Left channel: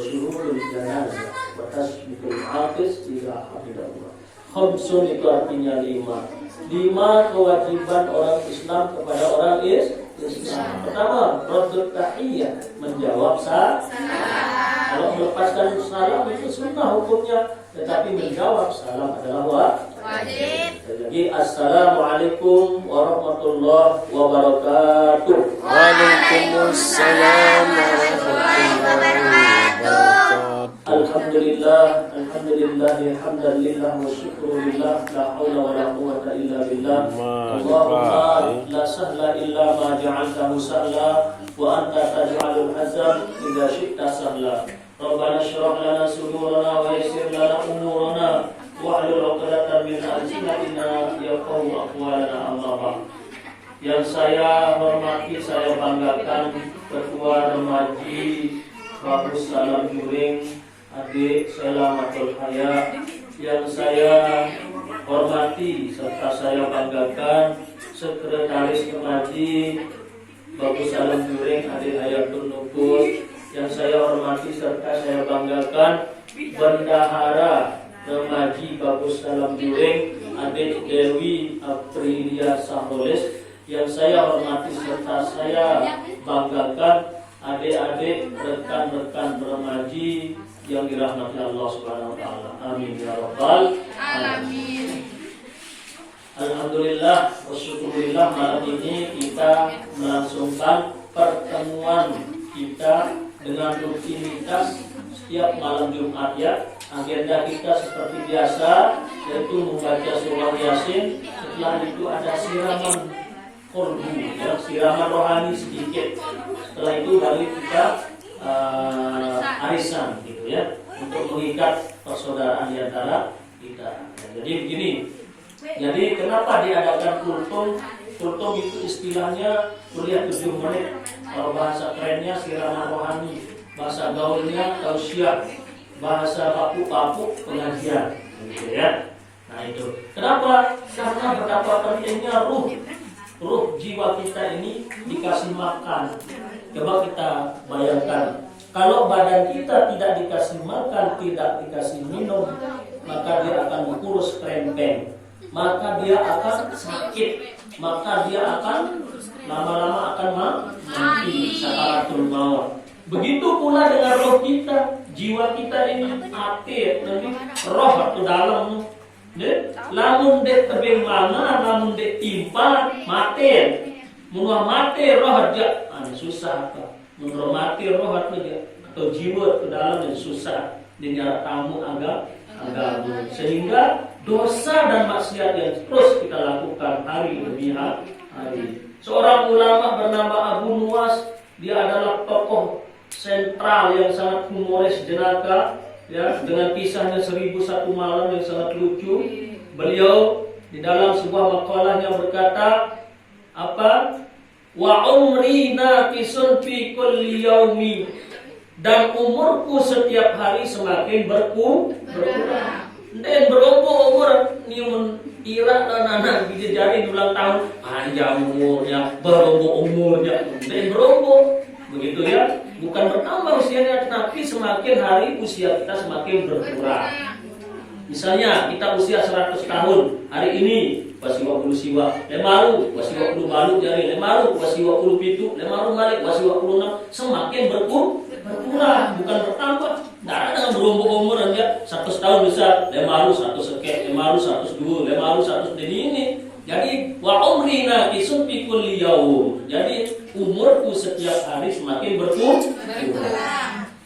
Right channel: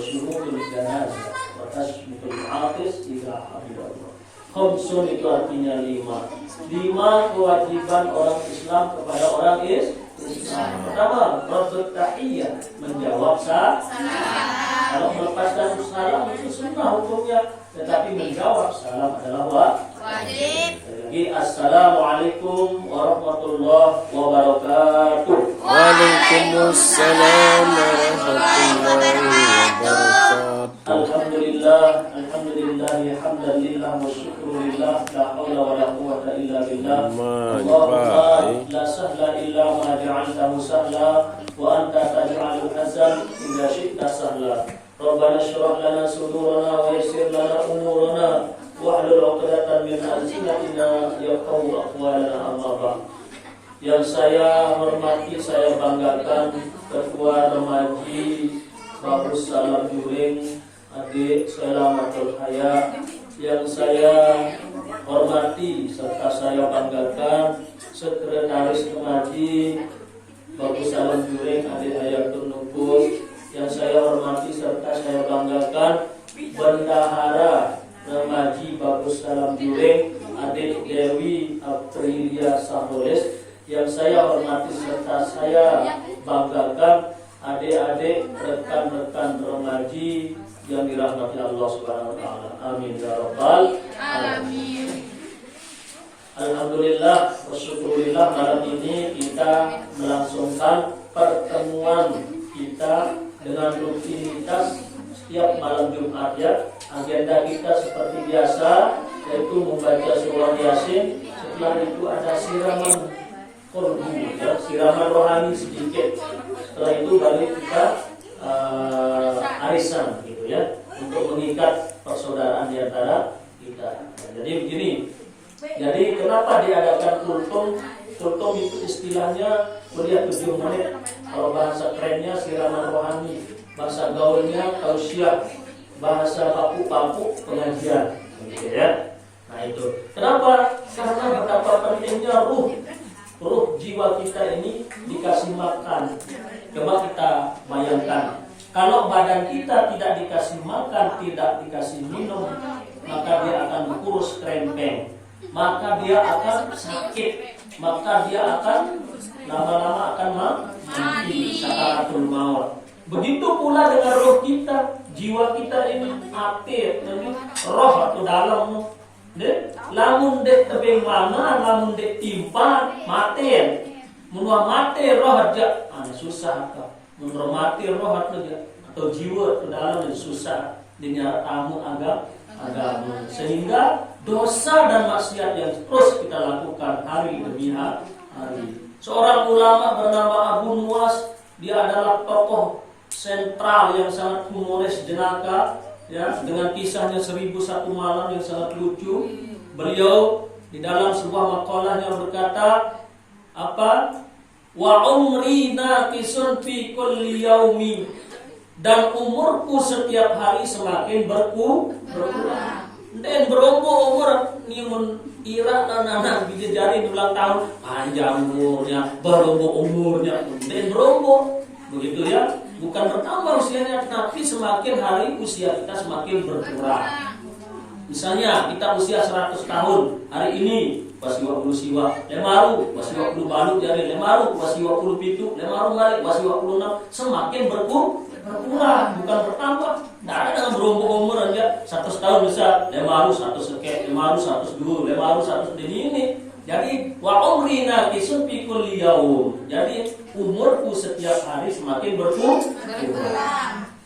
syuhudul janazah wa tasbitul hafiz ila hamdallah. Khamsun itu artinya 5 kewajiban orang Islam kepada orang Islam. Pertama, raddut tahiyyah, menjawab salam. Kalau melepaskan salam itu sunnah hukumnya, tetapi menjawab salam adalah wajib. Lagi, assalamualaikum warahmatullahi wabarakatuh. Waalaikumsalam warahmatullahi wabarakatuh. Alhamdulillah hamdalillah wa syukurillah, la haula wa la quwwata illa billah. Allahumma la sahla illa ma ja'altahu sahla wa anta taj'alul hazan idza syi'ta sahla. Rabbana shrah lana sudurana wa yassir lana umurana wahlul 'uqdatam min alsinatina yafqahu aqwalana, amma ba'd. Yang saya hormati, saya banggakan Ketua Remaji Bagus Salam Juring Adik Selamatul Haya. Yang saya hormati serta saya banggakan Sekretaris Remaji Bagus Salam Juring Adik Hayatul Nubus. Yang saya hormati serta saya banggakan Bendahara Remaji Bagus Salam Juring Adik Dewi Aprilia Saholes. Yang saya hormati serta saya banggakan adik-adik, rekan-rekan remaji yang dirahmati Allah Subhanahu wa taala. Amin ya rabbal alamin. Alhamdulillah wasyukurillah, malam ini kita melangsungkan pertemuan kita dengan rutinitas setiap malam Jumat ya. Agenda kita seperti biasa, yaitu membaca surah Yasin. Setelah itu ada siraman korbu ya, siraman rohani sedikit. Setelah itu baru kita arisan gitu ya, untuk mengikat persaudaraan di antara kita. Jadi begini. Jadi kenapa diadakan kultum? Kultum itu istilahnya kuliah 7 menit. Kalau bahasa kerennya siraman rohani, bahasa gaulnya tausiah, bahasa papu-papu pengajian gitu ya. Nah itu. Kenapa? Karena betapa pentingnya ruh jiwa kita ini dikasih makan. Coba kita bayangkan, kalau badan kita tidak dikasih makan, tidak dikasih minum, maka dia akan kurus krempeng, maka dia akan sakit, maka dia akan lama-lama akan mati, sakaratul maut. Begitu pula dengan roh kita, jiwa kita ini hati, roh atau dalam. Lamun dek tebing mana, lamun dek timpa mati. Munua mati roh aja, susah apa? Munua mati roh aja atau jiwa ke dalam yang susah dinyara tamu agama. Sehingga dosa dan maksiat yang terus kita lakukan hari demi hari. Seorang ulama bernama Abu Nuwas, dia adalah tokoh sentral yang sangat humoris jenaka. Ya, dengan kisahnya 1001 malam yang sangat lucu. Beliau di dalam sebuah makalahnya berkata apa? Wa umri naqisun fi kulli yaumi, dan umurku setiap hari semakin berkurang. Dan berombo umur nimun ira anak dijejari ulang tahun panjang umurnya, berombo umurnya, dan berombo begitu ya. Bukan bertambah usianya, tapi semakin hari usia kita semakin berkurang. Misalnya kita usia 100 tahun, hari ini wasiwa puluh siwa, lemaru wasiwa puluh balu jari, lemaru wasiwa puluh pitu, lemaru balik wasiwa puluh 6, semakin berkurang, bukan bertambah. Tidak ada dengan berumur umur aja 100 tahun bisa lemaru 100 sekek, lemaru 102, lemaru 100 ini. Jadi wa umrina kisun fi kulli yaum. Jadi umurku setiap hari semakin berkurang.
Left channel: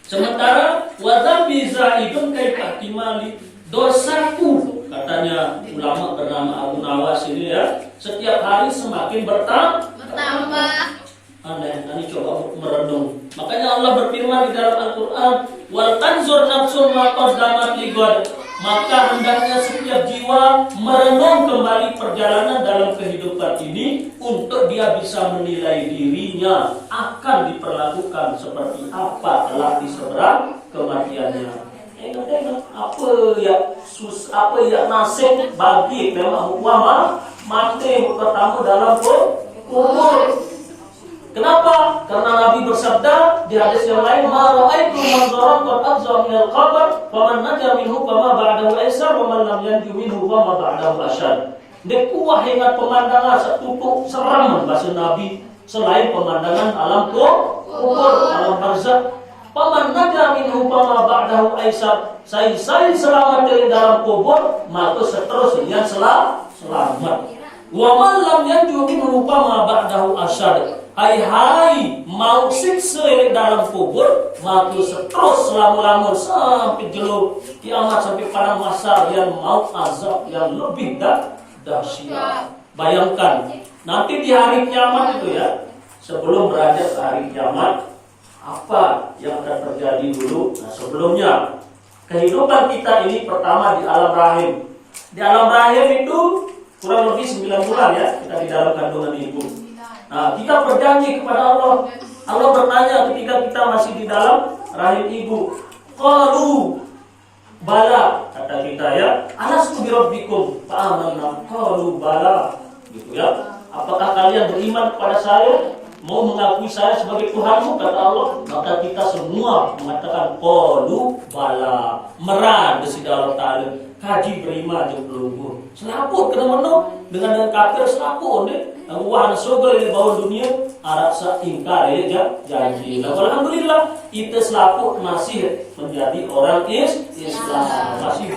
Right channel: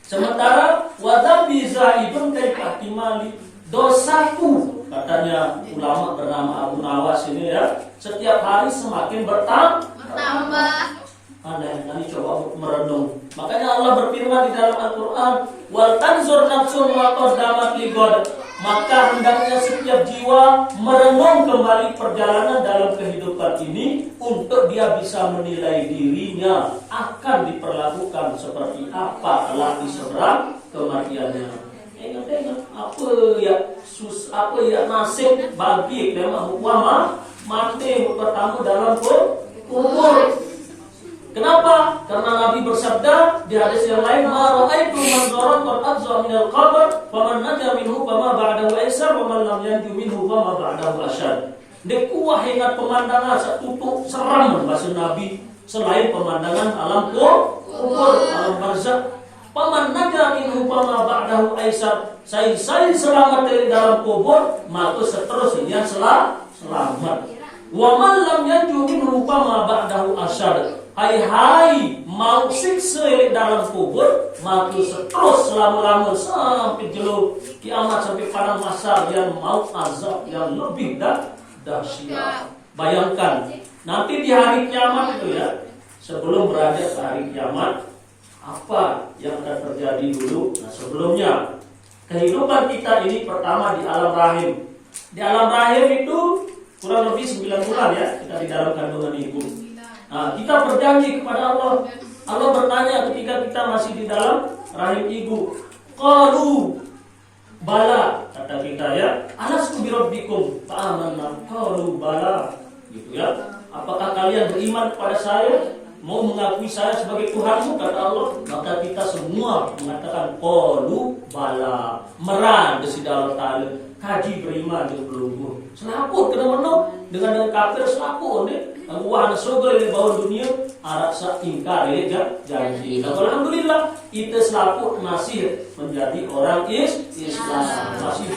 Sementara wa dhambi zaidun kaifa timali, dosaku katanya ulama bernama Abu Nawas ini ya, setiap hari semakin bertambah. Anda yang coba merenung. Makanya Allah berfirman di dalam Al-Quran, wal tanzur nafsun ma qaddamat lighad. Maka hendaknya setiap jiwa merenung kembali perjalanan dalam kehidupan ini untuk dia bisa menilai dirinya akan diperlakukan seperti apa kelak di seberang kematiannya. Ingat apa ya nasib bagi memang mati bertemu dalam kubur. Kenapa? Karena Nabi bersabda di hadis yang lain, "Ma ra'aitu manzaran qad afza min al-qabr, faman naja minhu fama ba'dahu aisar, wa man lam yanju minhu fama ba'dahu asyad." Dekuah ingat pemandangan satutuk seram bahasa Nabi selain pemandangan alam kubur, alam barzakh. Paman naja minhu fama ba'dahu aisar. Saya selamat dari dalam kubur, maka seterusnya selamat. Wa man lam yanju minhu fama ba'dahu asyad. Hai mau siksa di dalam kubur, maka seterus selama-lama sampai jelo kiamat, sampai pada masa yang mau azab yang lebih dahsyat. Bayangkan nanti di hari kiamat itu ya, sebelum beranjak ke hari kiamat, apa yang akan terjadi dulu? Nah, sebelumnya kehidupan kita ini pertama di alam rahim. Di alam rahim itu kurang lebih 9 bulan ya, kita di dalam kandungan ibu. Nah, kita berjanji kepada Allah. Allah bertanya ketika kita masih di dalam rahim ibu. Qalu bala, kata kita ya. Alastu bi rabbikum fa'amanna. Qalu bala. Gitu ya. Apakah kalian beriman kepada saya? Mau mengakui saya sebagai Tuhanmu, kata Allah. Maka kita semua mengatakan qalu bala. Meran di dalam ta'ala. Kaji beriman jeung pelungguh. Selaput kena menung dengan kafir selaput deh. Wah surga di bawah dunia arak sa ingkar ya janji. Nah, alhamdulillah kita selaput masih menjadi orang Islam, masih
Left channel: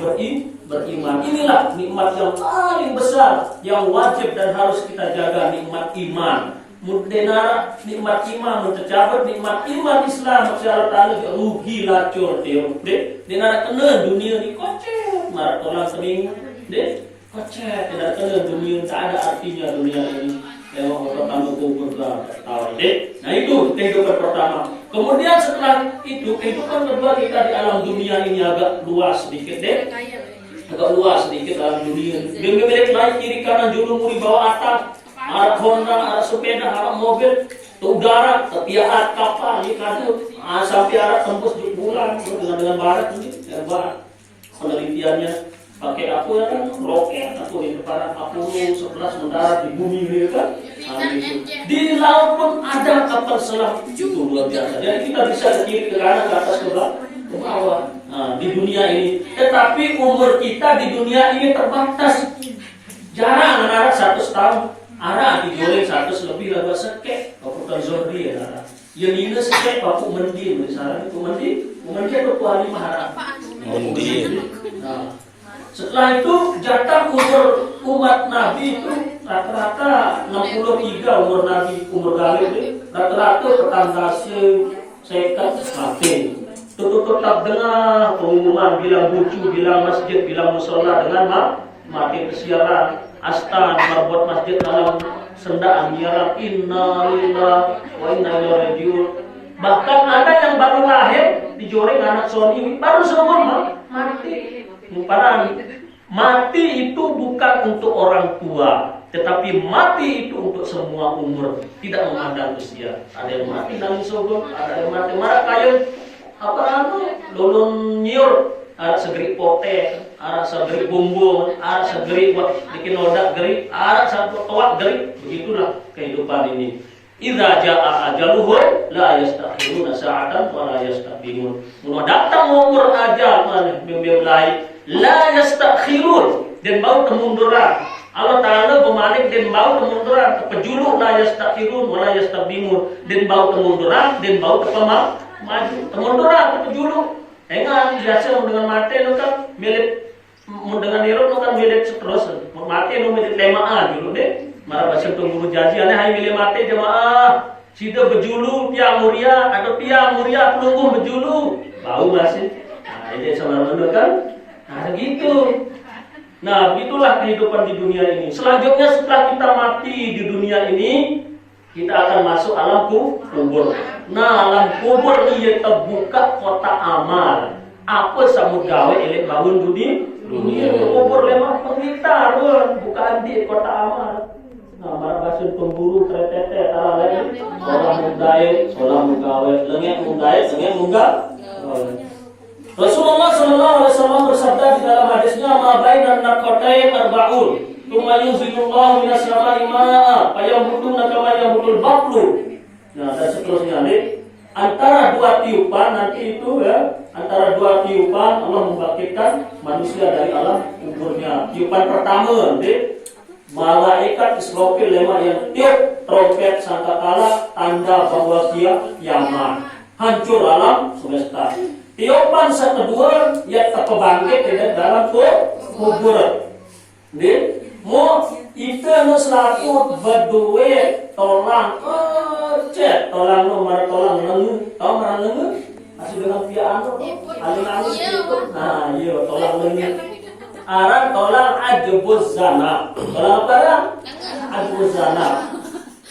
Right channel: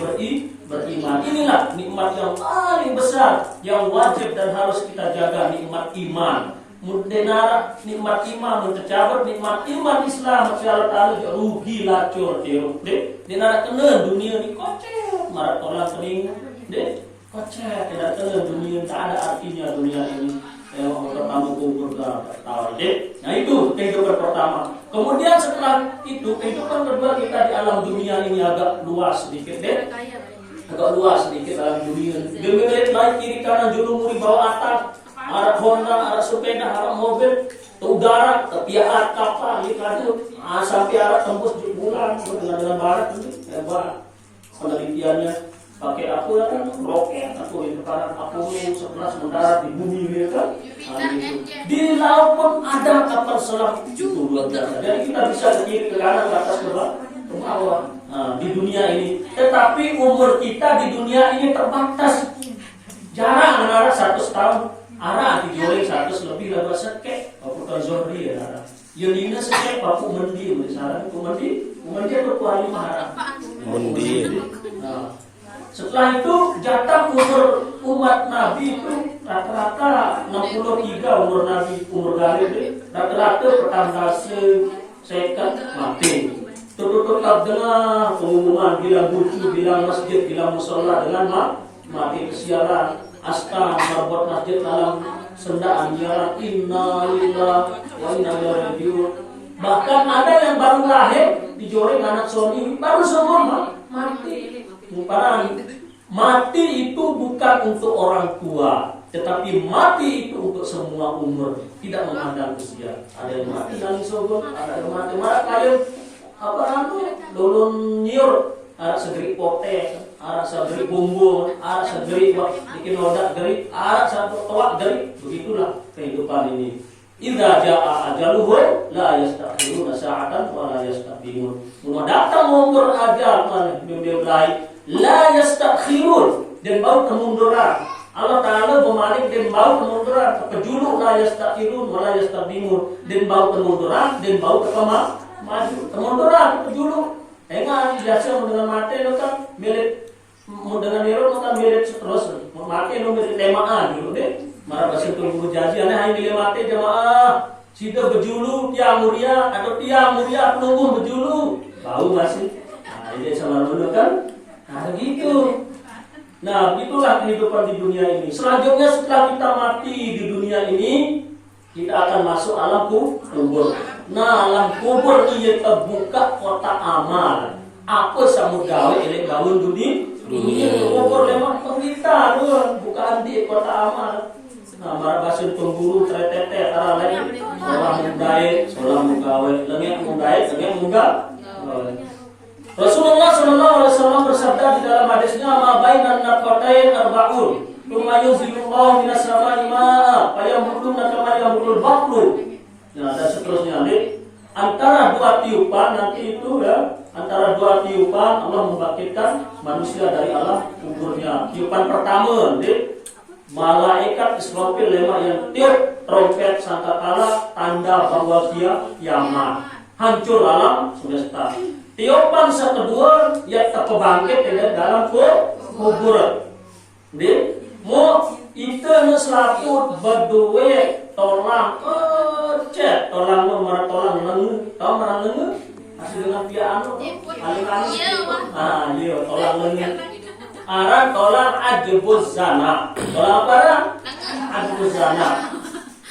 beriman. Inilah nikmat yang paling besar yang wajib dan harus kita jaga, nikmat iman. Mudenara nikmat iman mencabar nikmat iman Islam secara taala rugi lacur teu de denara kena dunia ni kocek marat orang sering de kocek denara kena dunia tak ada artinya dunia ini pertama kubur tahu de. Nah itu kehidupan pertama. Kemudian setelah itu kehidupan kedua kita di alam dunia ini agak luas sedikit de, agak luas sedikit alam dunia. Dia memiliki baik kiri kanan juru muri bawah atap, alat Honda, alat sepeda, alat mobil, ke udara, ke pihak kapal, sampai alat tembus di bulan dengan barat ini, hebat penelitiannya. Pakai aku ya kan, roket atau ini para aku 11 mendarat di bumi ini kan. Nah, gitu. Di laut pun ada kapal selam itu luar biasa. Jadi kita bisa ke kiri, ke kanan, ke atas, ke bawah. Nah, di dunia ini. Tetapi umur kita di dunia ini terbatas. Jarang anak 100 tahun. Ara di jolek 100 lebih lah sekek. Aku kan Zorri ya. Yang ini sekek aku mendi misalnya aku mendi aku tuh lima harap. Mendi. Nah, setelah itu jatah umur umat Nabi itu rata-rata 63 umur Nabi, umur galib itu rata-rata pertangkasi sekat mati. Tetap dengar pengumuman bilang bucu, bilang masjid, bilang musola dengan mati kesiaran. Astan membuat masjid dalam sendaan nyiaran innalillahi wa inna ilaihi rajiun. Bahkan ada yang baru lahir dijoreng anak Sony baru semua mati. Mati itu bukan untuk orang tua, tetapi mati itu untuk semua umur, tidak memandang usia. Ada yang mati dalam sogok, ada yang mati marah kayu lulun nyiur. Ada segeri pote, ada segeri bumbung, ada segeri buat bikin noda geri, ada satu toak geri. Begitulah kehidupan ini. Idza jaa ajaluhum la yastakhiruna sa'atan wa la yastaqdimun. Mun datang umur ajal memulai la yastakhirun dan bau kemunduran. Allah Taala pemanik dan bau kemunduran, kepejuluk la yastakhirun wa la yastaqdimun dan bau kemunduran dan bau maju. Kemunduran kepejuluk. Enggak biasa dengan mati itu kan milik dengan niro itu kan milik terus mati itu milik lemaan dulu deh. Marah bahasa tunggu janji aneh hai milik mati jemaah. Sida bejulu piang muria atau piang muria penunggu bejulu bau masih. Nah ini sama dulu kan. Nah gitu. Nah itulah kehidupan di dunia ini. Selanjutnya setelah kita mati di dunia ini, kita akan masuk alam kubur. Nah, alam kubur ini terbuka kota amal. Apa sama gawe elek bangun dunia? Kubur memang pengitar, bukan di kota amal. Nah, marah basun pemburu tretete arah lain. Orang mudai, seorang mugawe, lengek mudai, lengek muga. Rasulullah SAW bersabda di dalam hadisnya, "Ma bainan naqatain arba'un, tsumma yunzilullahu minas sama'i ma'a, fayambutu kama yambul baqlu." Nah, dan seterusnya nih, antara dua tiupan nanti itu ya, antara dua tiupan Allah membangkitkan manusia dari alam kuburnya. Tiupan pertama nih, malaikat Israfil lema yang tiup trompet sangkakala tanda bahwa dia kiamat, hancur alam semesta. Tiupan kedua ya terbangkit dari dalam kubur. Nih, mau itu selaku berdua tolang tolang marah lengu, tahu marah lengu masih dengan piano alun-alun itu. Nah iya tolang lengu arah tolang ajbuz zana, tolang apa? Ajbuz zana.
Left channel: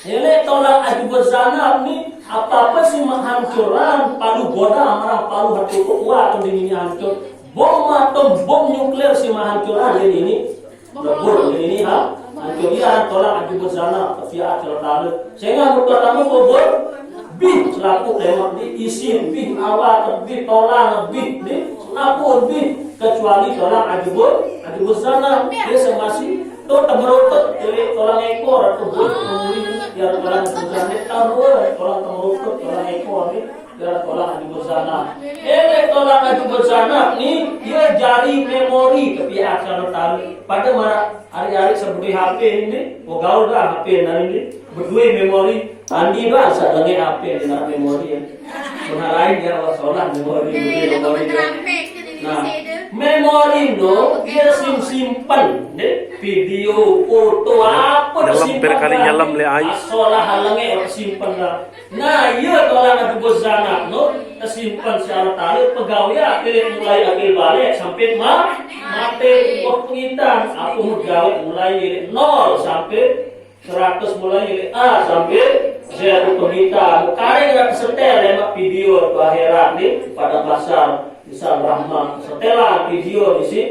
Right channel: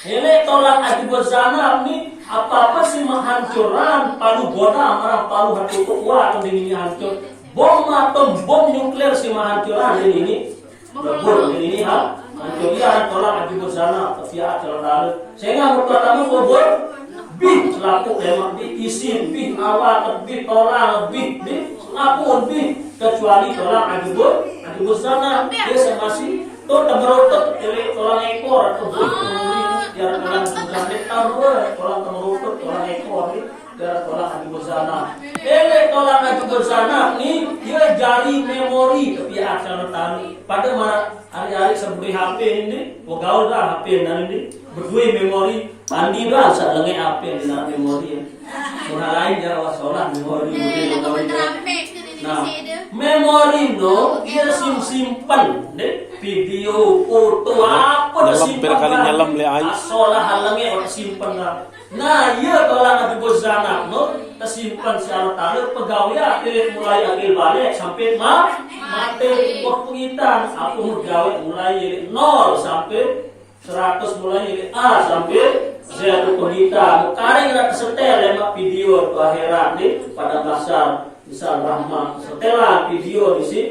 Ini tolang ajbuz zana ini apa sih menghancuran palu boda marah palu hati kuat ini hancur bom atau bom nuklir sih menghancuran ini lebur ini hancur dia tolak ajibus sana via acal sehingga pertama kubur bih selaku memang diisi bih awal bih tolak bih selaku bih kecuali tolak ajibus sana dia masih tuh temerutut jadi tolak ekor atau bih biar tolak bukan tambah tolak temerutut tolak ekor ini biar tolak ajibus sana tolak ajibus sana ini dia jari memori tapi acal pada mana hari-hari seperti HP ini, gaul bah HP ini berdua memori mandi bah saat lagi HP dengan memori ya. Berharain jawa sholat memori. Nah, memori no dia simpan deh video, foto apa nyelam le ai. Sholat halangnya orang simpan lah. Nah, iya kalau ada bozana no tersimpan secara tali pegawai akhirnya mulai akhir balik sampai mati waktu kita aku gawe mulai 0 sampai 100 mulai A sampai Z kita kari nak setel lemak video ke akhirat ni pada bahasa misal rahmat setelan video di sini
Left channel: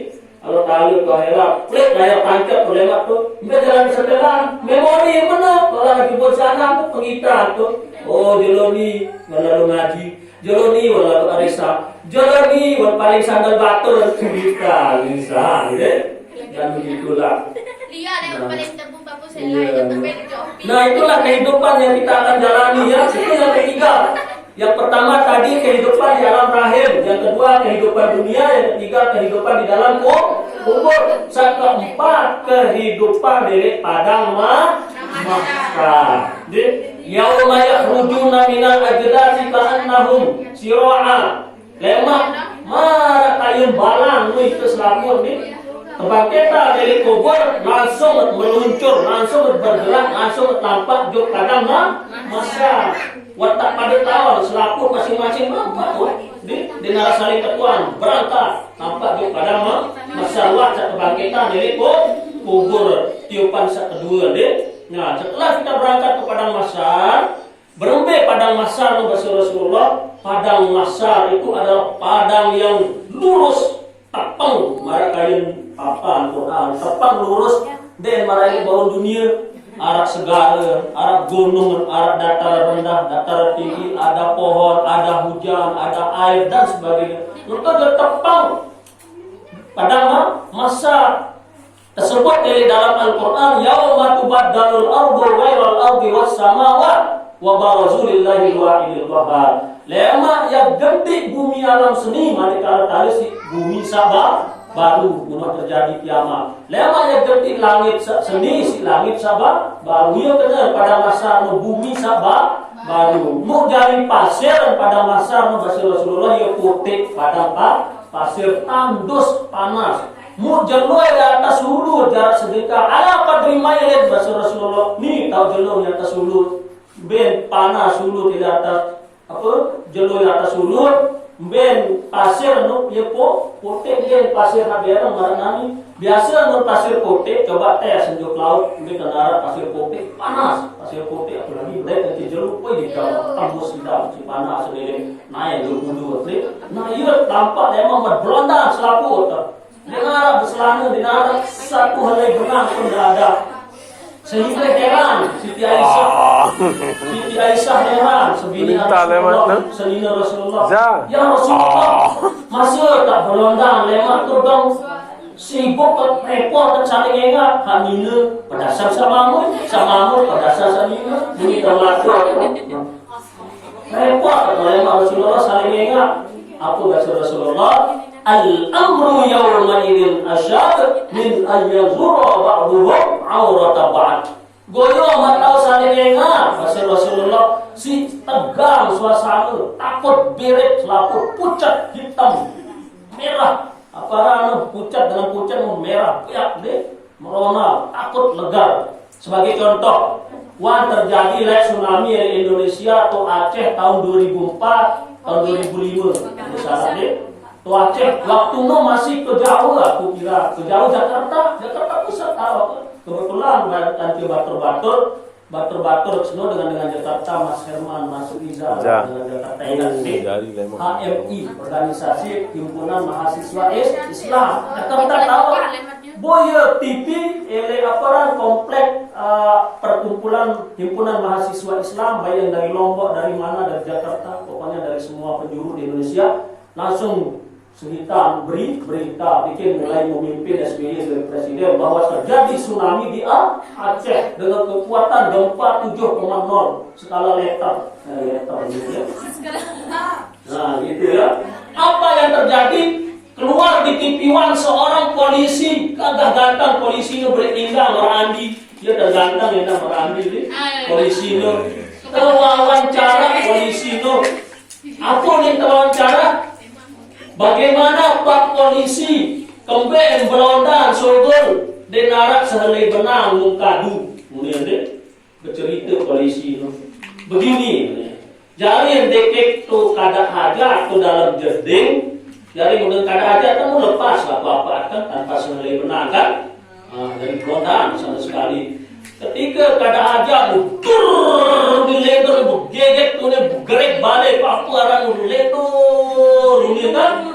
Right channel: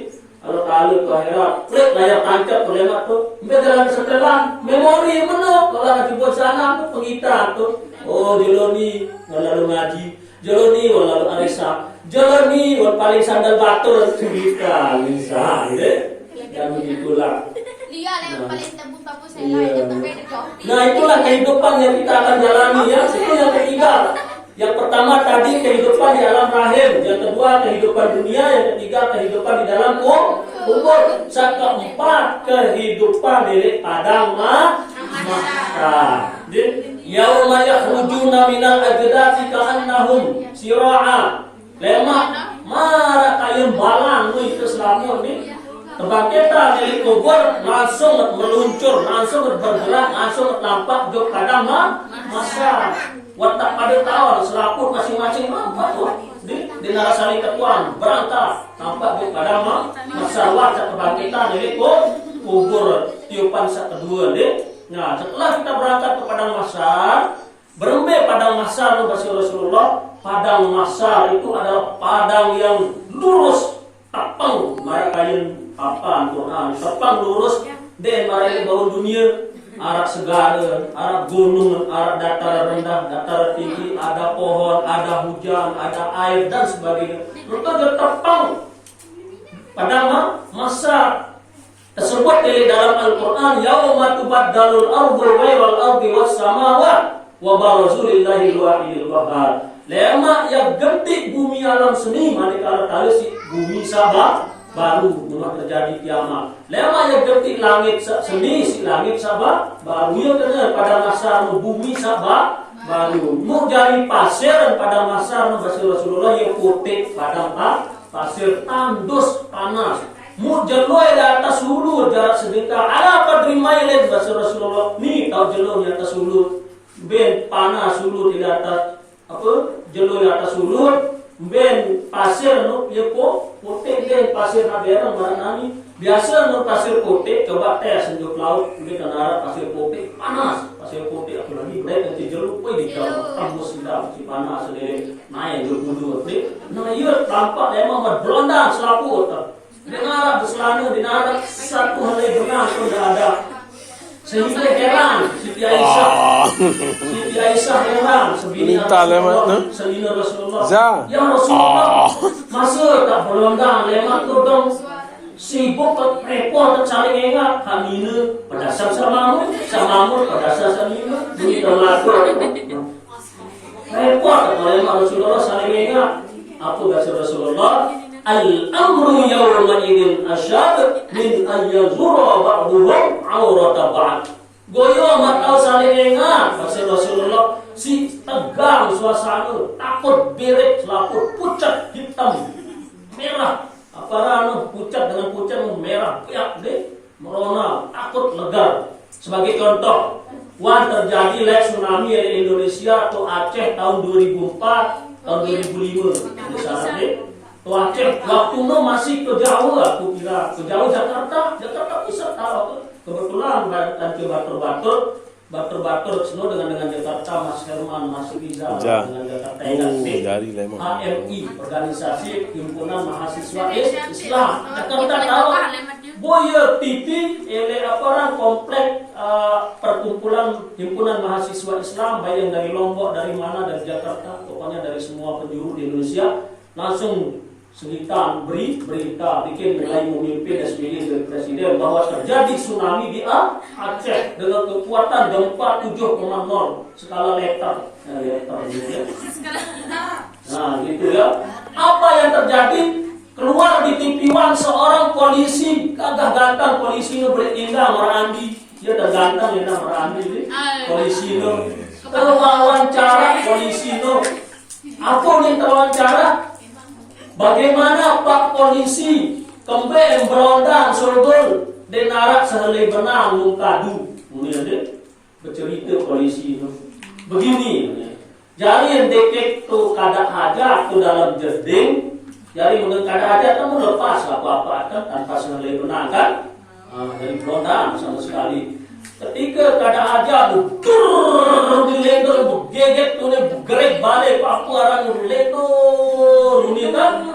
kalau tali ke akhirat klik layar tancap lemak tu jalan setelan memori mana kalau lagi buat sana tu pengitaan tu oh jeloni lalu ngaji jeloni lalu arisa jeloni paling sandal batur kita bisa dan begitulah. Nah itulah kehidupan yang kita akan jalani ya. Itu yang ketiga. Yang pertama tadi kehidupan di alam rahim, yang kedua kehidupan dunia, yang ketiga kehidupan di dalam kubur. Yang keempat kehidupan di padang mahsyar. Yauma yakhrujuna minal ajdati ka'annahum sira'a. Lemak marah kayun balang itu selamun nih. Kebangkitan dari kubur langsung meluncur, langsung bergerak, langsung tampak jok padang mahsyar. Watak pada tahun selaku masing-masing di narasari ketuan berangkat tampak jok padang mahsyar. Watak kebangkitan dari kubur tiupan kedua deh. Nah setelah kita berangkat ke padang mahsyar, berembe padang mahsyar Rasulullah. Padang mahsyar itu adalah padang yang lurus, tapang marah kain papan Quran, tepang lurus dan marah bawah dunia, arah segara, arah gunung, arah dataran rendah, dataran tinggi, ada pohon, ada hujan, ada air dan sebagainya. Maka tepang padang mahsyar tersebut dari dalam Al-Quran, yauma tubaddalul ardu ghairal ardi was samawat wa barazulillahi wahidil qahhar. Lema yang gede bumi alam seni, manakala tali si bumi sabah baru memang terjadi kiamat. Lema yang gede langit seni si langit sabah baru yang kena pada masa bumi sabah baru. Mau jadi pasir pada masa Rasulullah yang putih pada pasir tandus panas. Mu jalur di atas hulu jarak sedekah. Apa terima yang Rasulullah ni tahu jalur di atas hulu ben panas hulu di atas apa jalur di atas hulu ben pasir nu ye putih ben pasir na berang maranani biasa nu pasir putih coba tes senjuk laut di kenara pasir putih panas pasir putih apalagi brek nanti jalur poi di dalam tembus di dalam si panas sendiri naik dulu nah iya tampak memang berlondang selaku dengar berselana dengar satu helai benang pun tidak ada sehingga heran Siti Aisyah heran sebina Rasulullah ya Rasulullah masih tak berlondang lemak tu dong sibuk repot saling ingat hamina pedasar samamu pedasar samina bunyi terlalu repot oleh Rasulullah saling ingat. Apa bahasa Rasulullah? Al-amru yawma idin asyad min ayyazura ba'duhum awrata ba'd. Goyo matau saling ingat bahasa Rasulullah. Si tegang suasana, takut berit, laput, pucat, hitam, merah. Apa pucat dengan pucat merah, piak deh, merona, takut, legar. Sebagai contoh, terjadi tsunami di Indonesia atau Aceh tahun 2004, tahun 2005. Misalnya deh, Aceh waktu masih kejauh, aku kira kejauh Jakarta pusat tahu. Kebetulan nanti batur semua dengan Jakarta, Mas Herman, Mas Riza dengan Jakarta HMI, Organisasi Himpunan Mahasiswa Islam Jakarta tahu. Boya TV ele aparan komplek perkumpulan Himpunan Mahasiswa Islam, baik yang dari Lombok, dari mana, dari Jakarta, pokoknya dari semua penjuru di Indonesia, langsung sekitar berita bikin mulai memimpin SBY sebagai presiden bahwa terjadi tsunami di Aceh dengan kekuatan gempa 7,0 skala Richter. Gitu ya. Nah gitu ya. Apa yang terjadi? Keluar di TV One seorang polisi, agak ganteng polisi nu bertinggal merambi, dia terganteng ya merambi ini polisi nu. Wawancara polisi nu. Apa yang wawancara? Bagaimana Pak Polisi kembali berondang surgul denarak sehelai benang mungkadu. Kemudian deh bercerita polisi itu begini. Jadi yang dekek tu kada aja tu dalam jeding. Jadi mungkin kada aja kamu lepas apa-apa kan tanpa sehelai benang kan. Dari berondang sama sekali. Ketika kada aja dilender geget tu gerek balik apa orang dilender ini kan.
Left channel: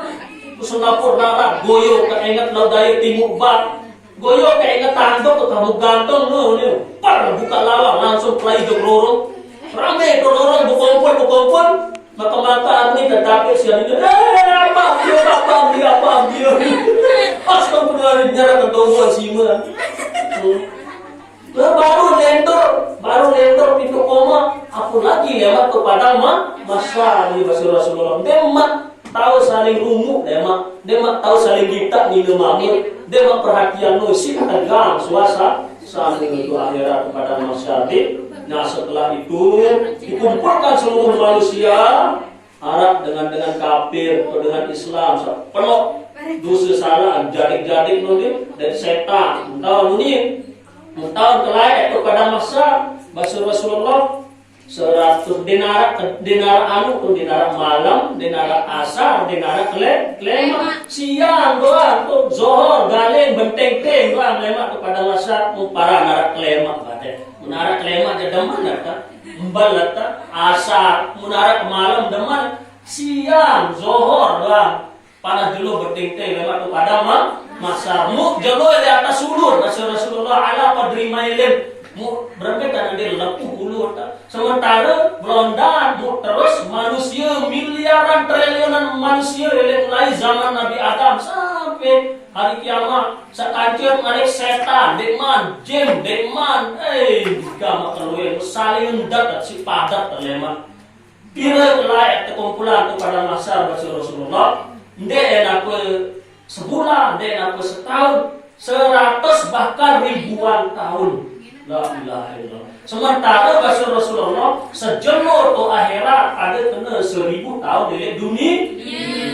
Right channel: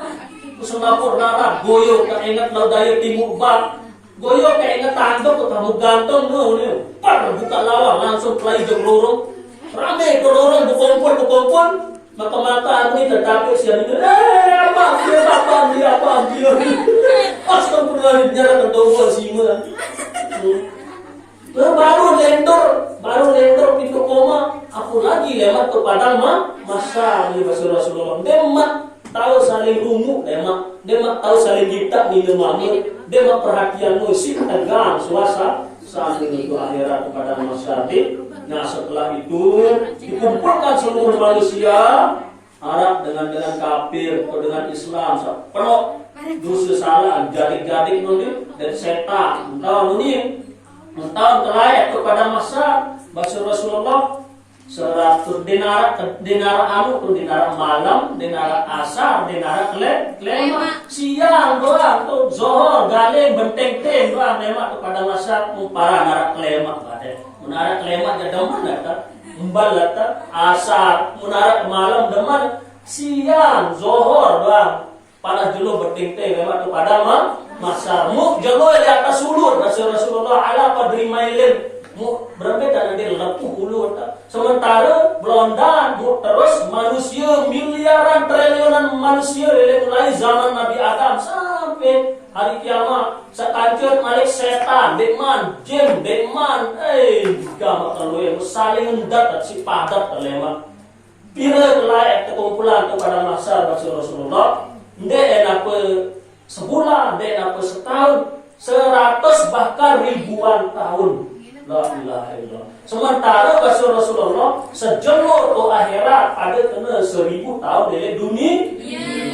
Singapura nara goyo keinget lau daya timur bat goyo keinget tanduk kamu gantung ni par buka lawang langsung pelai jogrorong rame dororong bukumpul mata ni tetapi siang ini apa dia astagfirullah nyara ketemu sima baru lender pintu koma aku lagi lewat kepada masa ni Rasulullah demak tahu saling rumuk, demak tahu saling kita minum mamut, demak perhatian nusi tegang suasa saling itu akhirat kepada masyarakat. Nah setelah itu dikumpulkan seluruh manusia Arab dengan kafir atau dengan Islam penuh dosa salah jadik nundi dan setan tahu nundi tahu kelai kepada masa Rasulullah 100 dinar malam, dinar asar, dinar klema siang doang tuh zohor galeng benteng doang lemak kepada masyarakat para narak klema bade narak klema aja deman ta embal ta asar narak malam deman siang zohor doang panas dulu benteng lemak kepada masa mu jago di atas sulur Rasulullah ala padri mailin mu berapa dia lepuh ulu sementara Belanda mu terus manusia miliaran triliunan manusia dari mulai zaman Nabi Adam sampai hari kiamat sekancur malik setan dekman jin dekman gama keluar saling mendapat si padat terlemat bila kelai kumpulan kepada masa Rasulullah ndek enak sebulan ndek enak setahun 100 bahkan ribuan tahun. La ilaha illallah. Sementara bahasa Rasulullah sejenur tu akhirat ada kena 1000 tahun dari dunia.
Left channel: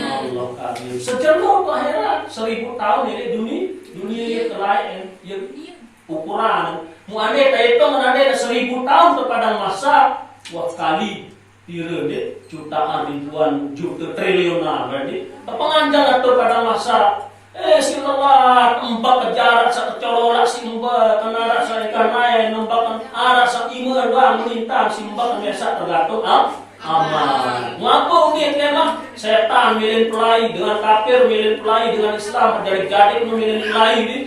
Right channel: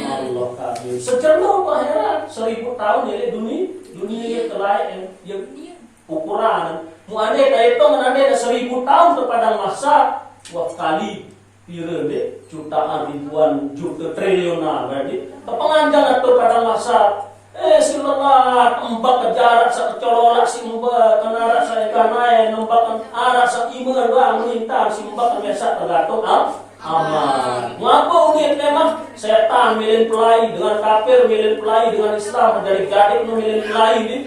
Allah kadir. Sejenur tu akhirat 1000 tahun dari dunia terakhir yang ukuran. Muane itu menande 1000 tahun kepada masa wah kali tira deh jutaan ribuan juta triliunan berarti kepenganjang atau pada masa silalah empat jarak secolora simba kana rasa ikanai numpak arah sakima doang minta simba biasa tergantung aman. Ngapo ni memang setan milih pelai dengan kafir milih pelai dengan Islam jadi gadik milih pelai ni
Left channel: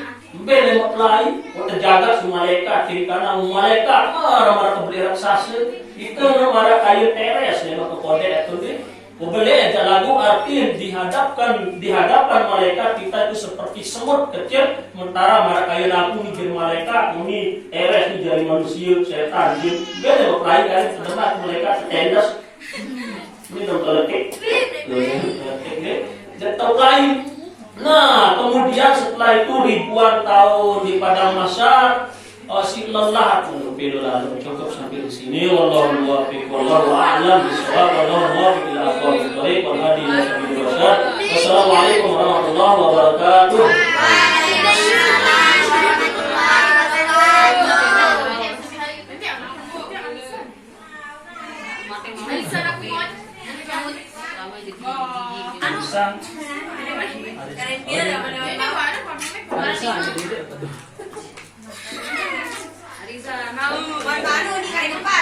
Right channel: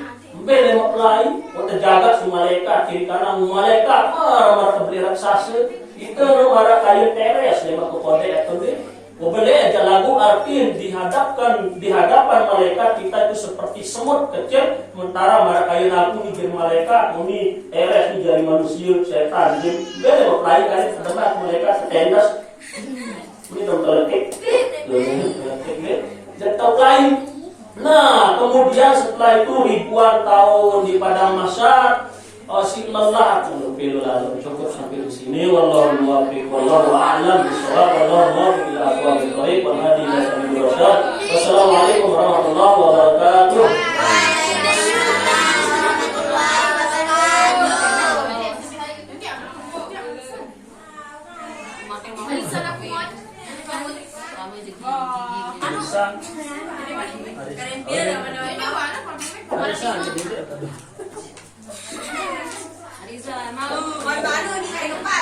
bene pelai terjaga semua malaikat kiri kanan malaikat marah kebeli raksasa itu marah kayu teres memang kode itu ni. Boleh aja lagu arti di hadapan malaikat kita itu seperti semut kecil, sementara marah kayu naku ni jadi malaikat, ini eres ni jadi manusia, setan, jin. Beda berkelahi kali setempat malaikat tendas Ini dong teletik. Tidak tahu lain. Nah, kemudian setelah itu ribuan tahun di padang mahsyar, si lelah lalu cukup sampai di sini. Wallahu muwaffiq, wallahu a'lam bishawab, wallahu muwaffiq ila aqwamit thoriq wal hadi ila sabilir rasyad. Wassalamualaikum warahmatullahi wabarakatuh. Arisa, baru nih kayak lupa,